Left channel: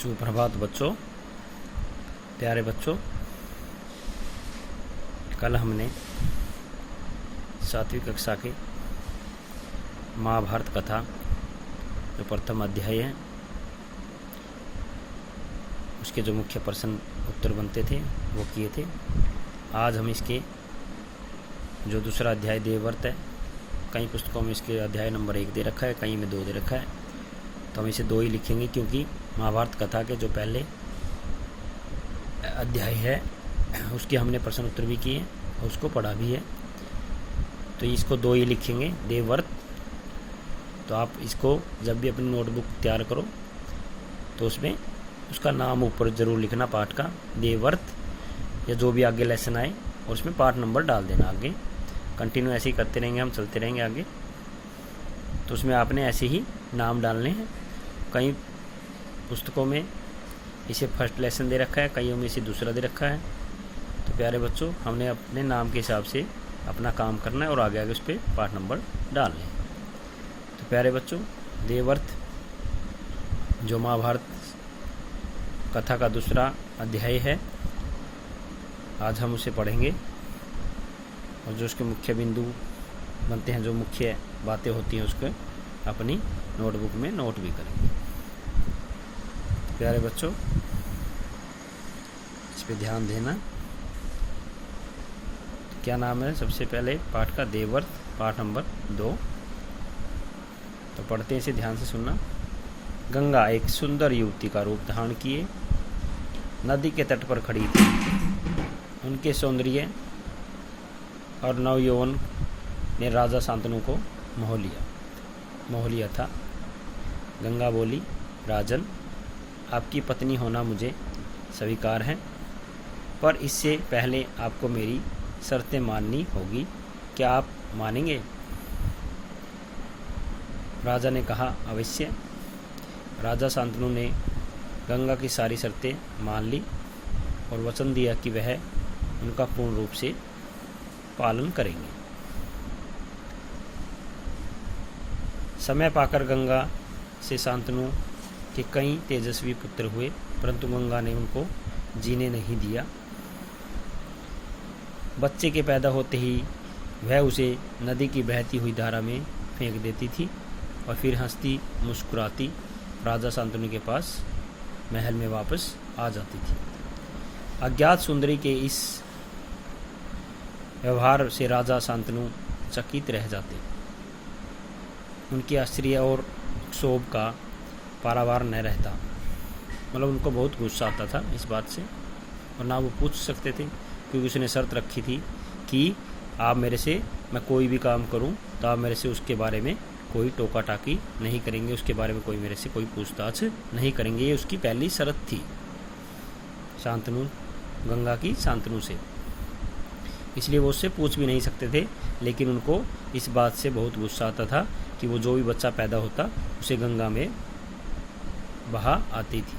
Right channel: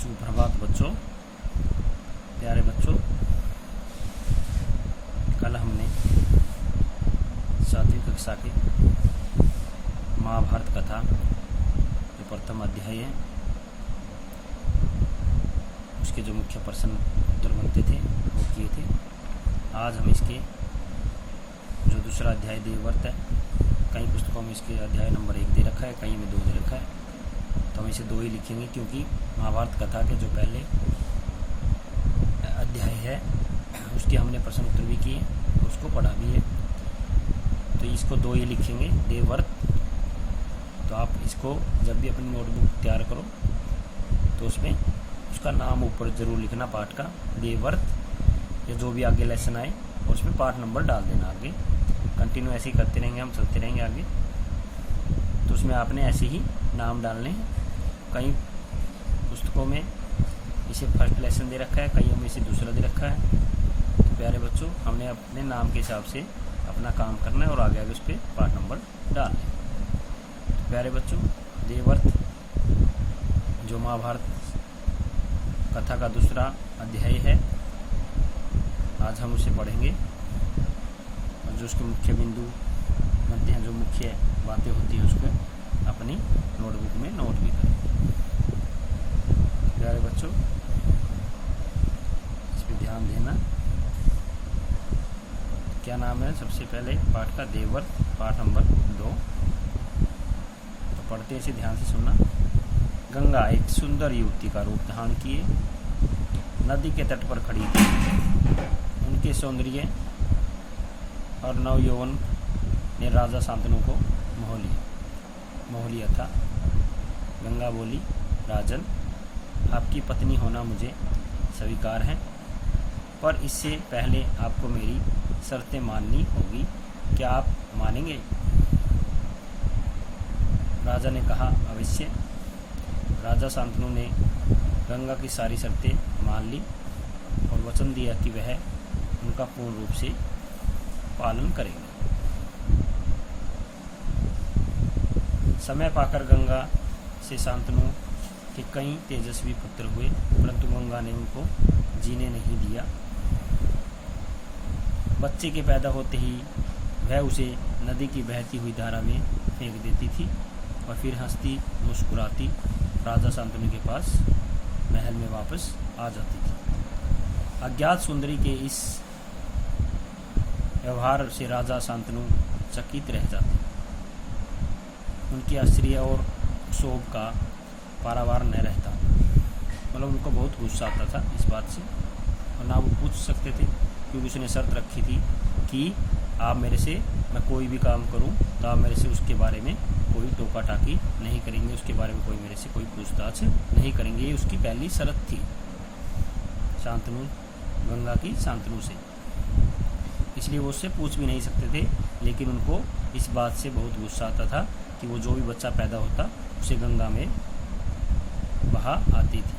सुप्रभात बच्चों, प्यारे बच्चों। कल हमने 7वीं कक्षा के महाभारत कथा जो प्रथम अध्याय है उसके जो मुख्य प्रश्न उत्तर बनते थे वो किए थे। आज हम इसके जो दूसरा अध्याय देवव्रत है, कई पुस्तकों में इसके अध्याय नंबर 1 दे रखा है, कई में 2 दे रखा है, तो हम इसे 2 ही लिखेंगे क्योंकि महाभारत कथा के जो पहले अध्याय है उसके हमने प्रश्न उत्तर भी किए, उसको पढ़ा भी है, तो इसको 2 ही लिखेंगे, देवव्रत। तो आप इसको जब भी अपनी नोटबुक तैयार करो तो उसमें उसका नाम ऊपर ज़रूर लिखना, पाठ का देवव्रत, या जो भी आगे लेसन आए और उसमें पाठ नंबर डाल देना। आगे कंटिन्यू ऐसे ही करते रहेंगे, हम चलते रहेंगे आगे, तो उसमें आपने ऐसे ही नाम डालने हैं। कई पुस्तकों में इसे फर्स्ट लेसन दे रखा है, कईयों में इसे दूसरा दे रखा है। तो प्यारे बच्चों, हमने अपने नाम के हिसाब से अपना काम करना है और आगे आगे उस पर पाठ नंबर डालने हैं। तो प्यारे बच्चों, देवव्रत जो महाभारत कथा का दूसरा अध्याय है, आज हम उसे पढ़ेंगे और जो उसके मुख्य बिंदु बनते हैं, जो मुख्य बातें होती हैं, उसको अपनी नोटबुक में नोट भी करें। प्यारे बच्चों, इस पे ध्यान देना। क्या नाम है सबसे पहले पाठ का? देवव्रत, पाठ नंबर 2। तो पढ़ते इसे ध्यान से सुनना। गंगा एक सुंदर युवती का रूप धारण किए नदी के तट पर खड़ी थी। उनके सौंदर्य और नवयौवन ने राजा शांतनु को मोह लिया था। गंगा बोली, राजन, आपकी पत्नी होना मुझे स्वीकार है, पर इससे पहले आपको मेरी शर्तें माननी होगी। क्या आप मानेंगे? राजा ने कहा, अवश्य। राजा शांतनु ने गंगा की सारी शर्तें मान ली और वचन दिया कि वह उनका पूर्ण रूप से पालन करेंगे। समय पाकर गंगा से शांतनु के कई तेजस्वी पुत्र हुए, परंतु गंगा ने उनको जीने नहीं दिया। बच्चे के पैदा होते ही वह उसे नदी की बहती हुई धारा में फेंक देती थी और फिर हंसती मुस्कुराती राजा शांतनु के पास महल में वापस आ जाती थी। अज्ञात सुंदरी के इस व्यवहार से राजा शांतनु चकित रह जाते। उनके आश्चर्य और क्षोभ का पारावार न रहता, मतलब उनको बहुत गुस्सा आता था इस बात से, और ना वो पूछ सकते थे क्योंकि उसने शर्त रखी थी कि आप मेरे से, मैं कोई भी काम करूं तो आप मेरे से उसके बारे में कोई टोका टाकी नहीं करेंगे, उसके बारे में कोई मेरे से कोई पूछताछ नहीं करेंगे। ये उसकी पहली शर्त थी शांतनु, गंगा की शांतनु से, इसलिए वो उससे पूछ भी नहीं सकते थे। लेकिन उनको इस बात से बहुत गुस्सा आता था कि वो जो भी बच्चा पैदा होता उसे गंगा में बहा आती थी।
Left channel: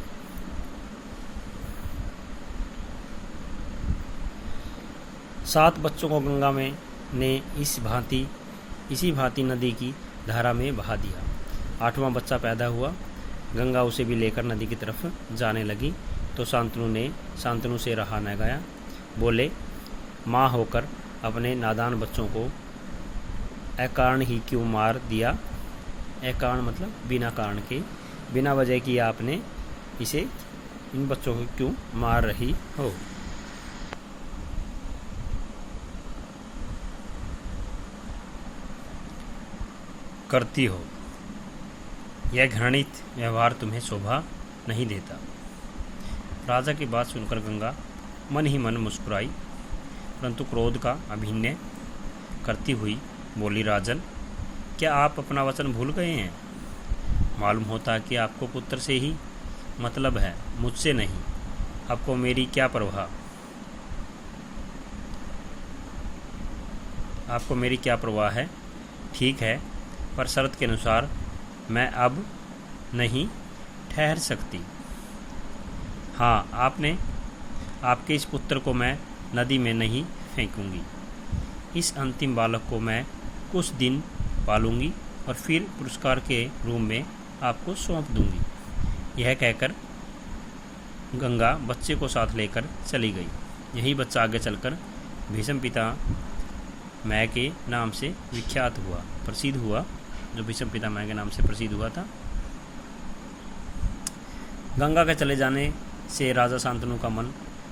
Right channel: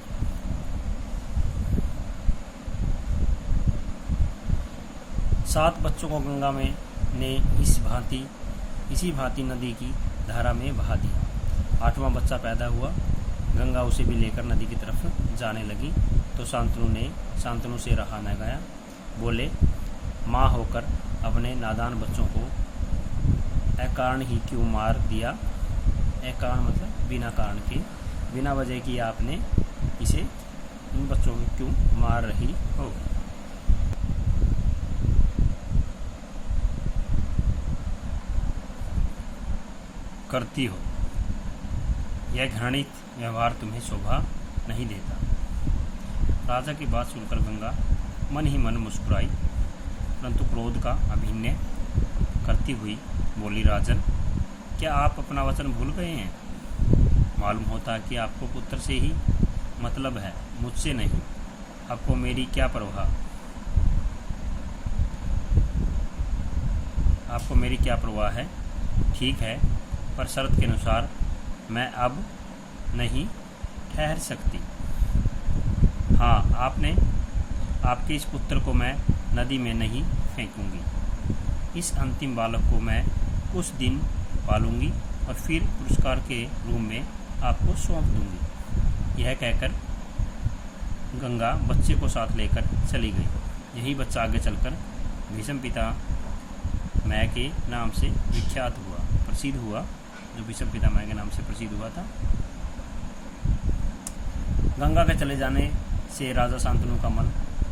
सात बच्चों को गंगा में ने इसी भांति नदी की धारा में बहा दिया। 8वां बच्चा पैदा हुआ। गंगा उसे भी लेकर नदी की तरफ जाने लगी तो शांतनु से रहा न गया। बोले, माँ होकर अपने नादान बच्चों को अकारण ही क्यों मार दिया? अकारण मतलब बिना कारण के, बिना वजह की आपने इन बच्चों को क्यों मार रही हो? करती हो। यह घृणित व्यवहार तुम्हें शोभा नहीं देता। राजा की बात सुनकर गंगा मन ही मन मुस्कुराई, परंतु क्रोध का अभिनय करती हुई बोली, राजन, क्या आप अपना वचन भूल गए हैं? मालूम होता है कि आपको पुत्र से ही मतलब है, मुझसे नहीं। आपको मेरी क्या परवाह है? ठीक है, पर शर्त के अनुसार मैं अब नहीं ठहर सकती। हाँ, आपके इस पुत्र को मैं नदी में नहीं फेंकूंगी। इस अंतिम बालक को मैं कुछ दिन पालूंगी और फिर पुरस्कार के रूप में आपको सौंप दूंगी। यह कहकर गंगा बच्चे को साथ लेकर चली गई। यही बच्चा आगे चलकर भीष्म पितामह के नाम से विख्यात हुआ, प्रसिद्ध हुआ, जो भीष्म पितामह के नाम से प्रसिद्ध हुआ था। गंगा के चले जाने से राजा शांतनु का मन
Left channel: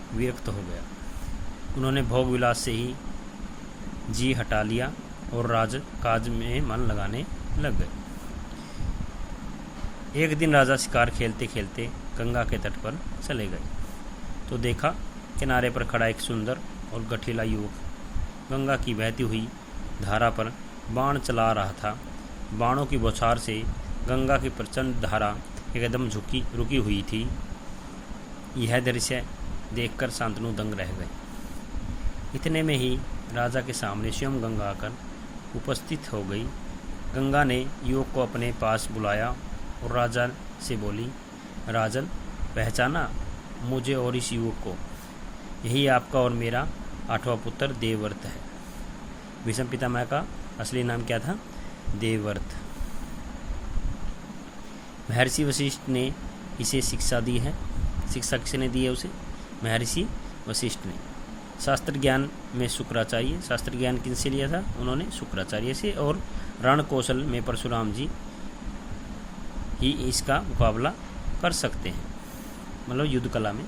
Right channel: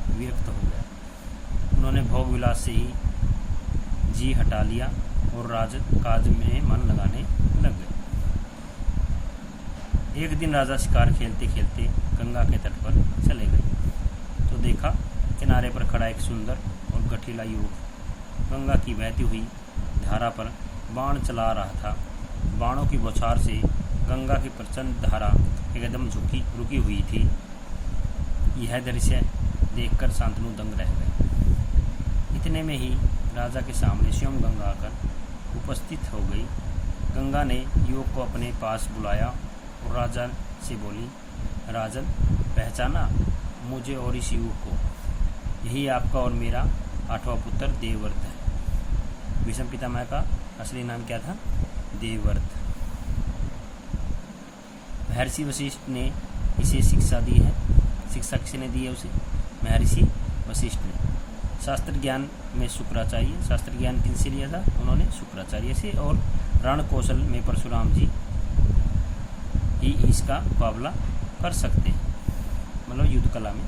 विरक्त हो गया। उन्होंने भोग विलास से ही जी हटा लिया और राजकाज में मन लगाने लग गए। एक दिन राजा शिकार खेलते खेलते गंगा के तट पर चले गए तो देखा किनारे पर खड़ा एक सुंदर और गठीला युवक गंगा की बहती हुई धारा पर बाण चला रहा था। बाणों की बौछार से गंगा की प्रचंड धारा एकदम रुकी हुई थी। यह दृश्य देखकर शांतनु दंग रह गए। इतने में ही राजा के सामने स्वयं गंगा आकर उपस्थित हो गई। गंगा ने युवक को अपने पास बुलाया और राजा से बोली, राजन, पहचाना मुझे और इस युवक को? यही आपका और मेरा 8वां पुत्र देवव्रत है। भीष्म पितामह का असली नाम क्या था? देवव्रत। महर्षि वशिष्ठ ने इसे शिक्षा दी है। शिक्षा किसने दी है उसे? महर्षि वशिष्ठ ने। शास्त्र ज्ञान में शुक्राचार्य, शास्त्र ज्ञान किनसे लिया था? उन्होंने शुक्राचार्य से। और रण कौशल में परशुराम जी ही इसका मुकाबला कर सकते हैं, मतलब युद्ध कला में।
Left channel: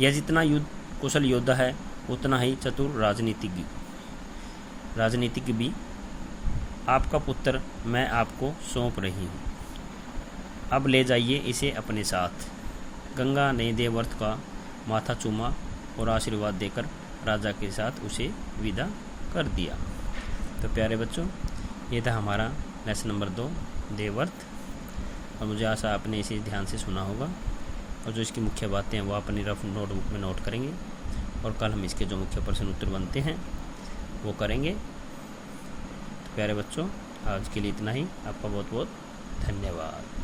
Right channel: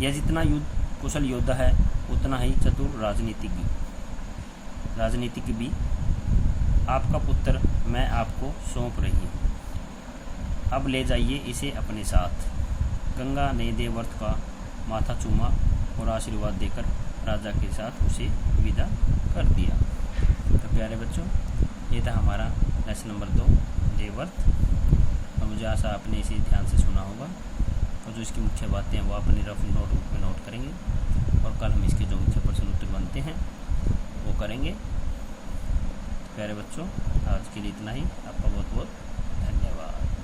यह जितना युद्ध कुशल योद्धा है उतना ही चतुर राजनीतिज्ञ भी। आपका पुत्र मैं आपको सौंप रही हूँ, अब ले जाइए इसे अपने साथ। गंगा ने देवव्रत का माथा चूमा और आशीर्वाद देकर राजा के साथ उसे विदा कर दिया। तो प्यारे बच्चों, ये था हमारा लेसन नंबर 2 देवव्रत। और मुझे आशा आपने इसे ध्यान से सुना होगा और जो इसकी मुख्य बातें हैं वो अपनी रफ नोटबुक में नोट करेंगे और कल हम इसके जो मुख्य प्रश्न उत्तर बनते हैं वो करेंगे। तो प्यारे बच्चों, आज के लिए इतना ही। आपका बहुत बहुत धन्यवाद।